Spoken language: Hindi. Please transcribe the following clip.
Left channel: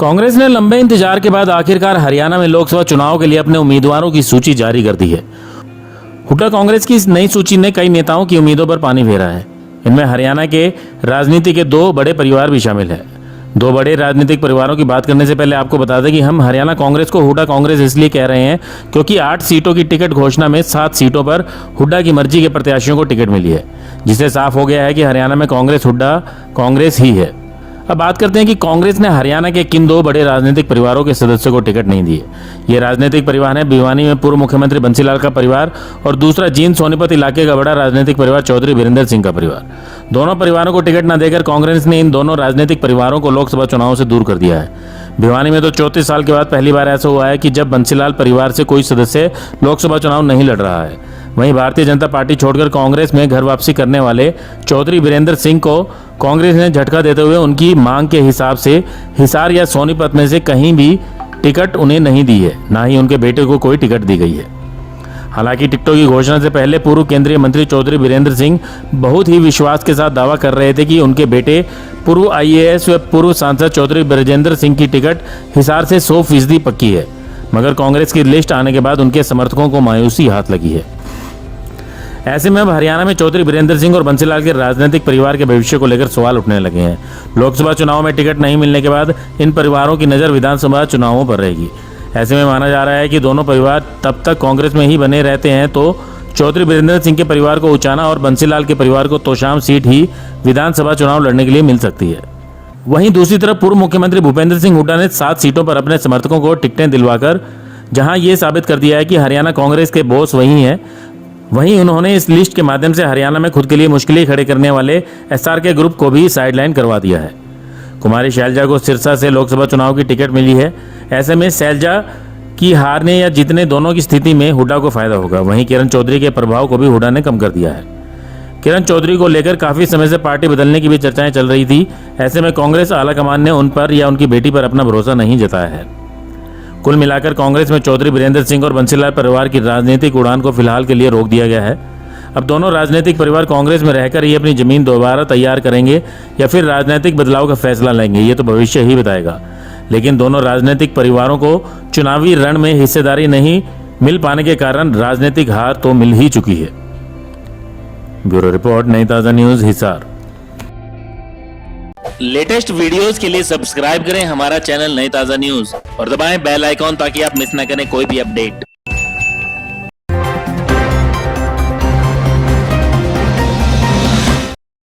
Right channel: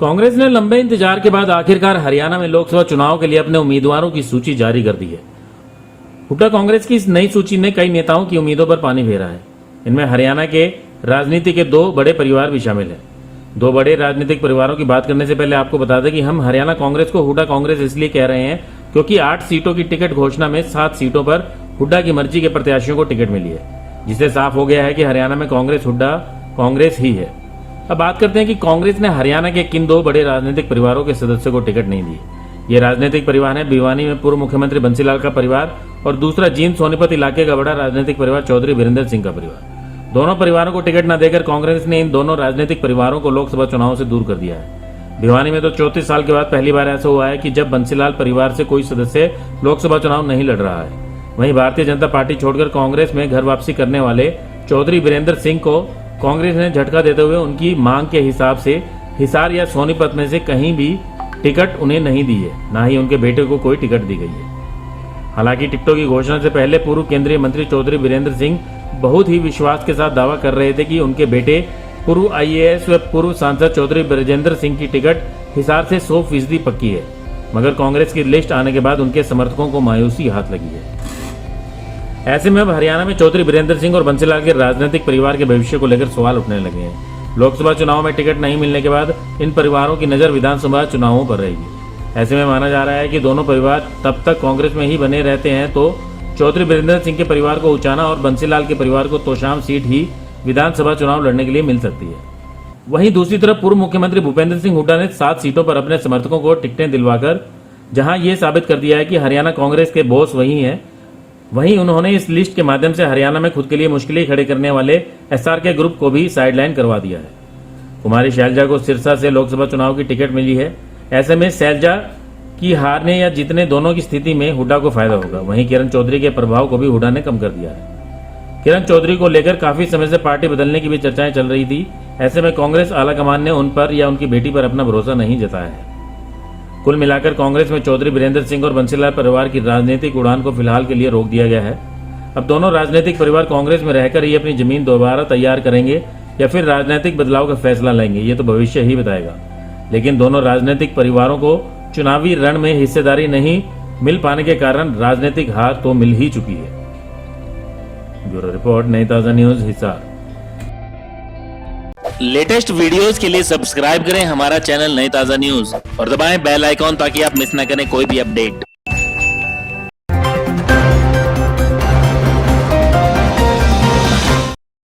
कांग्रेस ने लंबे इंतजार के बाद आखिरकार हरियाणा में लोकसभा चुनाव के लिए अपने उम्मीदवारों की सूची जारी कर दी है। हुड्डा कांग्रेस की इस नई सूची ने कई नेताओं की उम्मीदों पर पानी फेरा है। इनमें हरियाणा के राजनीति के दो बड़े परिवार भी शामिल है। दो बड़े राजनीतिक परिवारों की बात करने से पहले आपको बता दें कि हम हरियाणा कांग्रेस को हुड्डा कांग्रेस इसलिए कह रहे हैं क्योंकि 8 सीटों की टिकट घोषणा में 7 सीटों पर हुड्डा की मर्जी के प्रत्याशियों को टिकट मिली है, जिससे साफ हो गया है कि हरियाणा में कांग्रेस हुड्डा कांग्रेस ही है। अब बात करते हैं कि कांग्रेस ने हरियाणा के किन दो बड़े राजनीतिक परिवारों के सदस्यों को टिकट नहीं दिए। ये राजनीतिक परिवार है भिवानी में पूर्व मुख्यमंत्री बंसीलाल का परिवार और दूसरा जींद सोनीपत इलाके का बड़ा राजनीतिक परिवार चौधरी वीरेंद्र सिंह का परिवार। दोनों परिवारों को टिकट न देकर कांग्रेस ने इन दोनों राजनीतिक परिवारों को लोकसभा चुनाव से दूर कर दिया है। भिवानी में तो 34 साल के बाद पहली बार ऐसा हुआ है कि जब बंसीलाल परिवार से कोई सदस्य लोकसभा चुनाव नहीं लड़ रहा है। वहीं भारतीय जनता पार्टी छोड़कर कांग्रेस में घर वापसी करने वाले चौधरी वीरेंद्र सिंह को कांग्रेस ने झटका देते हुए उनकी मांग के हिसाब से हिसार या सोनीपत में से कहीं भी टिकट उन्हें नहीं दी है, ना ही उनके बेटे को कोई टिकट दी गई है। हालांकि टिकटों की घोषणा से पहले पूर्व केंद्रीय मंत्री चौधरी वीरेंद्र सिंह बहुत ही विश्वास के साथ दावा कर रहे थे कि उनके बेटे पूर्व IAS व पूर्व सांसद चौधरी ब्रजेंद्र सिंह की टिकट हिसार से 100% पक्की है, मगर कांग्रेस की लिस्ट आने के बाद उनके समर्थकों को मायूसी हाथ लगी है। ऐसे में अब हरियाणा में चौधरी वीरेंद्र सिंह और बंसीलाल के राजनीतिक परिवार के भविष्य को लेकर सवाल उठने लगे हैं। लोकसभा चुनाव में टिकट नहीं मिलने के बाद इन परिवारों की नजर विधानसभा चुनावों पर रहेगी। ऐसे में माना जा रहा है कि दोनों परिवार तब तक कांग्रेस में ही बने रहते हैं तो चौधरी वीरेंद्र सिंह के परिवार को उचाना और बंसीलाल के परिवार को तोशाम सीट ही विधानसभा चुनाव लड़ने के लिए मिल सकती है। वहीं दूसरी तरफ पूर्व मुख्यमंत्री भूपेंद्र सिंह हुड्डा ने 7 सीटों पर अपने समर्थकों को टिकटें दिलवाकर जहां ये साबित कर दिया है कि हरियाणा कांग्रेस के बॉस वही हैं, वहीं उन्होंने इस लिस्ट के माध्यम से हरियाणा में खुद के लिए मुश्किलें खड़े करने वाले SRK ग्रुप को भी साइडलाइन करवा दिया है। कुमारी शैलजा को सिरसा से लोकसभा चुनाव की टिकट मिली है। ऐसे में शैलजा की हारने या जीतने दोनों की स्थिति में हुड्डा को फायदा होगा। वहीं किरण चौधरी के प्रभाव को भी हुड्डा ने कम कर दिया है। किरण चौधरी को लेकर काफी समय से पार्टी बदलने की भी चर्चाएं चल रही थी। ऐसे में कांग्रेस आलाकमान ने उन पर या उनकी बेटी पर अपना भरोसा नहीं जताया है। कुल मिलाकर कांग्रेस में चौधरी वीरेंद्र सिंह और बंसीलाल परिवार की राजनीतिक उड़ान को फिलहाल के लिए रोक दिया गया है। अब दोनों राजनीतिक परिवार कांग्रेस में रहकर ही अपनी जमीन दोबारा तैयार करेंगे या फिर राजनीतिक बदलाव का फैसला लेंगे, ये तो भविष्य ही बताएगा। लेकिन दोनों राजनीतिक परिवारों को चुनावी रण में हिस्सेदारी नहीं मिल पाने के कारण राजनीतिक हार तो मिल ही चुकी है। ब्यूरो रिपोर्ट, नई ताजा न्यूज, हिसार। लेटेस्ट वीडियोस के लिए सब्सक्राइब करें हमारा चैनल नई ताजा न्यूज और दबाएं बेल आइकॉन ताकि आप मिस ना करें कोई भी अपडेट।